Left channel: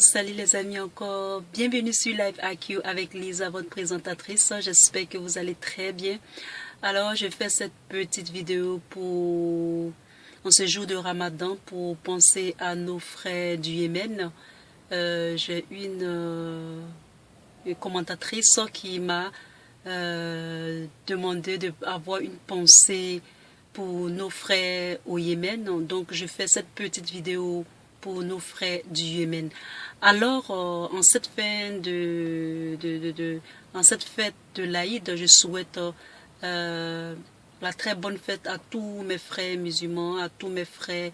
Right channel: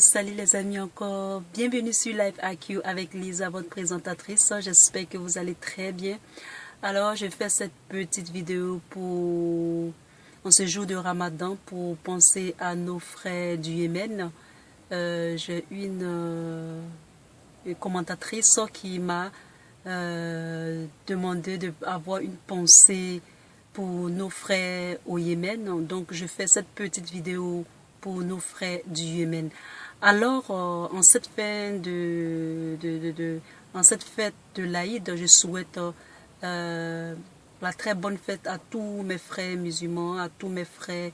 Salut les amis encore, bienvenue sur Live IQ avec Lisa, votre présentatrice. J'espère que vous allez très bien. Alors je fais cette petite vidéo en ce jour de Ramadan pour penser à nos frères du Yémen. J'ai une commentatrice qui m'a demandé d'avoir une pensée pour nos frères au Yémen. Donc je fais cette petite vidéo pour nos frères du Yémen. Alors, en cette fête de l'Aïd, je souhaite la très bonne fête à tous mes frères musulmans, à tous mes frères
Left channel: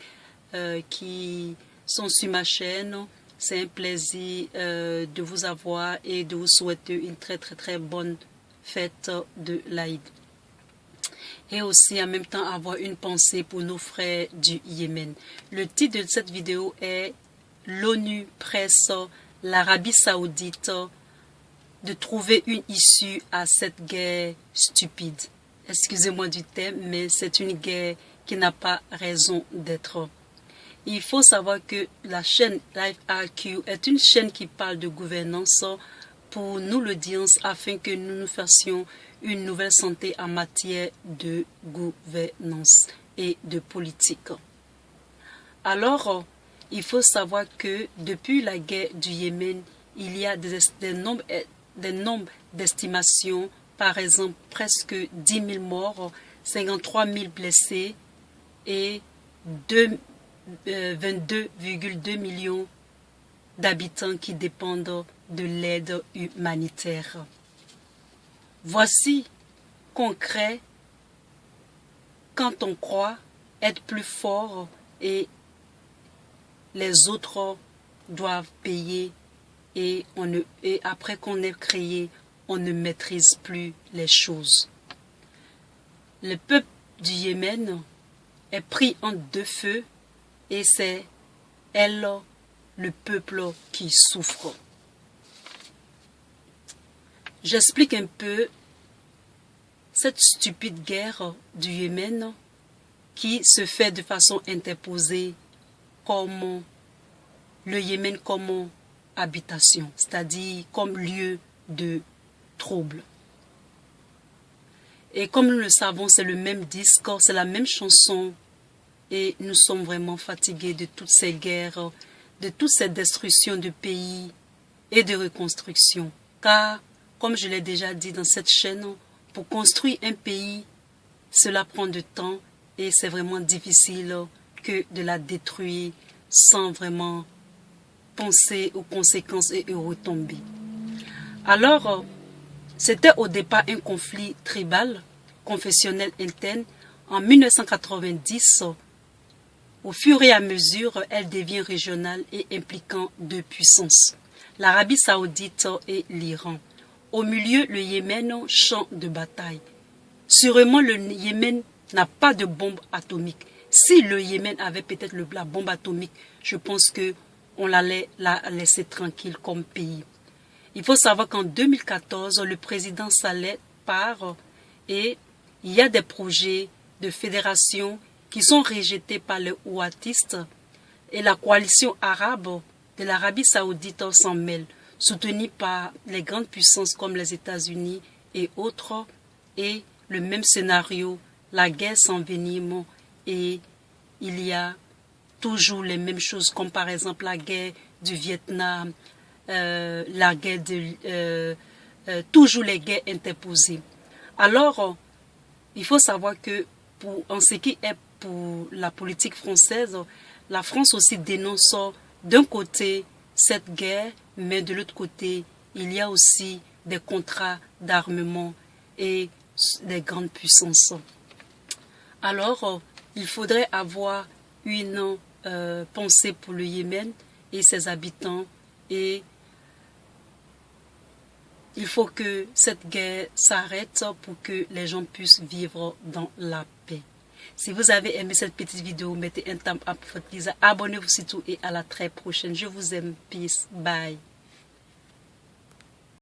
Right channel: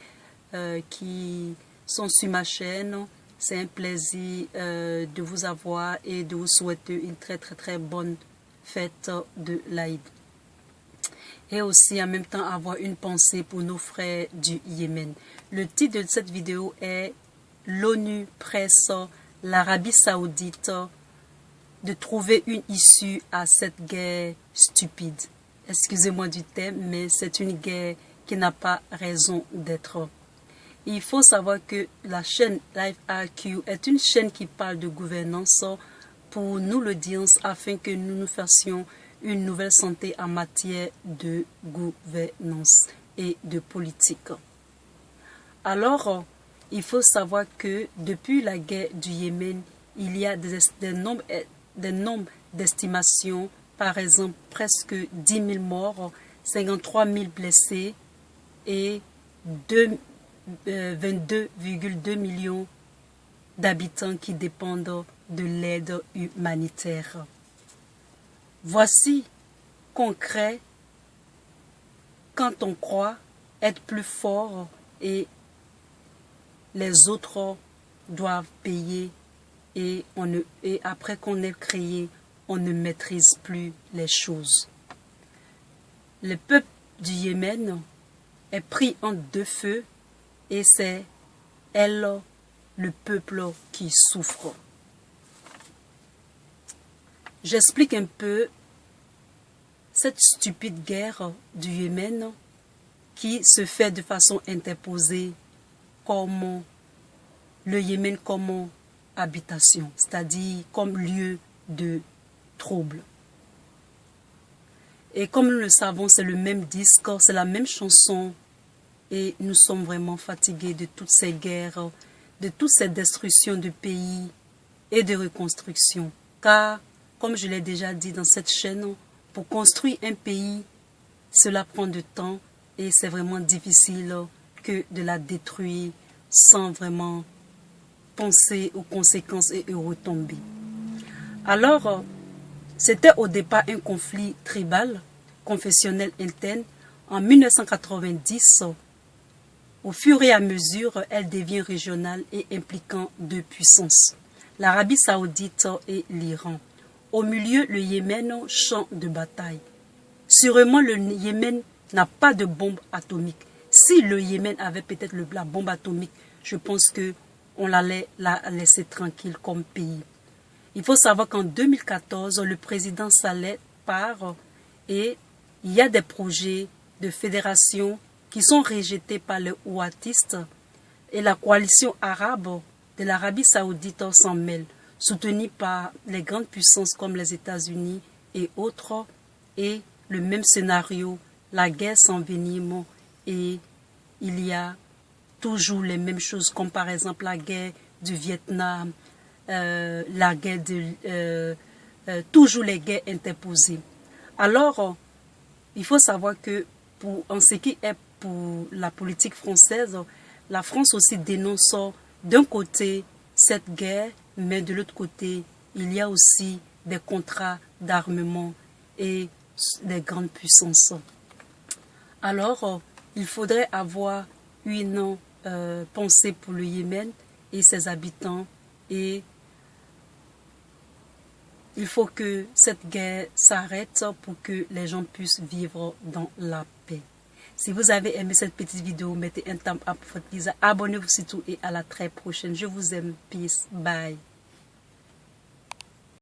qui sont sur ma chaîne. C'est un plaisir de vous avoir et de vous souhaiter une très bonne fête de l'Aïd. Et aussi en même temps avoir une pensée pour nos frères du Yémen. Le titre de cette vidéo est « L'ONU presse l'Arabie Saoudite de trouver une issue à cette guerre stupide ». Excusez-moi du thème, mais c'est une guerre qui n'a pas raison d'être. Il faut savoir que la chaîne Live IQ est une chaîne qui parle de gouvernance pour nous l'audience afin que nous nous fassions une nouvelle santé en matière de gouvernance et de politique. Alors, il faut savoir que depuis la guerre du Yémen, il y a des nombres d'estimations, par exemple presque 10 000 morts, 53 000 blessés et 22,2 millions d'habitants qui dépendent de l'aide humanitaire. Voici concret quand on croit être plus fort et les autres doivent payer et après qu'on ait créé, on ne maîtrise plus les choses. Le peuple du Yémen est pris en deux feux et c'est le peuple qui souffre. J'explique un peu cette stupide guerre du Yémen qui se fait de façon interposée comme le Yémen comme habitation, c'est-à-dire comme lieu de trouble. Et comme nous le savons, c'est le même disque, c'est la même chanson et nous sommes vraiment fatigués de toutes ces guerres, de toutes ces destructions de pays et de reconstruction. Car comme je l'ai déjà dit dans cette chaîne, pour construire un pays, cela prend du temps et c'est vraiment difficile que de la détruire sans vraiment penser aux conséquences et aux retombées. Alors, c'était au départ un conflit tribal, confessionnel interne. En 1990, au fur et à mesure, elle devient régionale et impliquant deux puissances, l'Arabie Saoudite et l'Iran. Au milieu, le Yémen, champ de bataille. Sûrement, le Yémen n'a pas de bombe atomique. Si le Yémen avait peut-être la bombe atomique, je pense qu'on allait la laisser tranquille comme pays. Il faut savoir qu'en 2014, le président Saleh part et il y a des projets de fédération qui sont rejetés par les ouattistes et la coalition arabe de l'Arabie Saoudite s'en mêle, soutenue par les grandes puissances comme les États-Unis et autres, et le même scénario, la guerre s'envenime et il y a toujours les mêmes choses comme par exemple la guerre du Vietnam, la guerre toujours les guerres interposées. Alors, il faut savoir que en ce qui est pour la politique française, la France aussi dénonce d'un côté cette guerre, mais de l'autre côté, il y a aussi des contrats d'armement et des grandes puissances. Alors, il faudrait avoir une pensée pour le Yémen et ses habitants et il faut que cette guerre s'arrête pour que les gens puissent vivre dans la paix. Si vous avez aimé cette petite vidéo, mettez un thumb up pour votre Lisa. Abonnez-vous surtout et à la très prochaine. Je vous aime. Peace. Bye.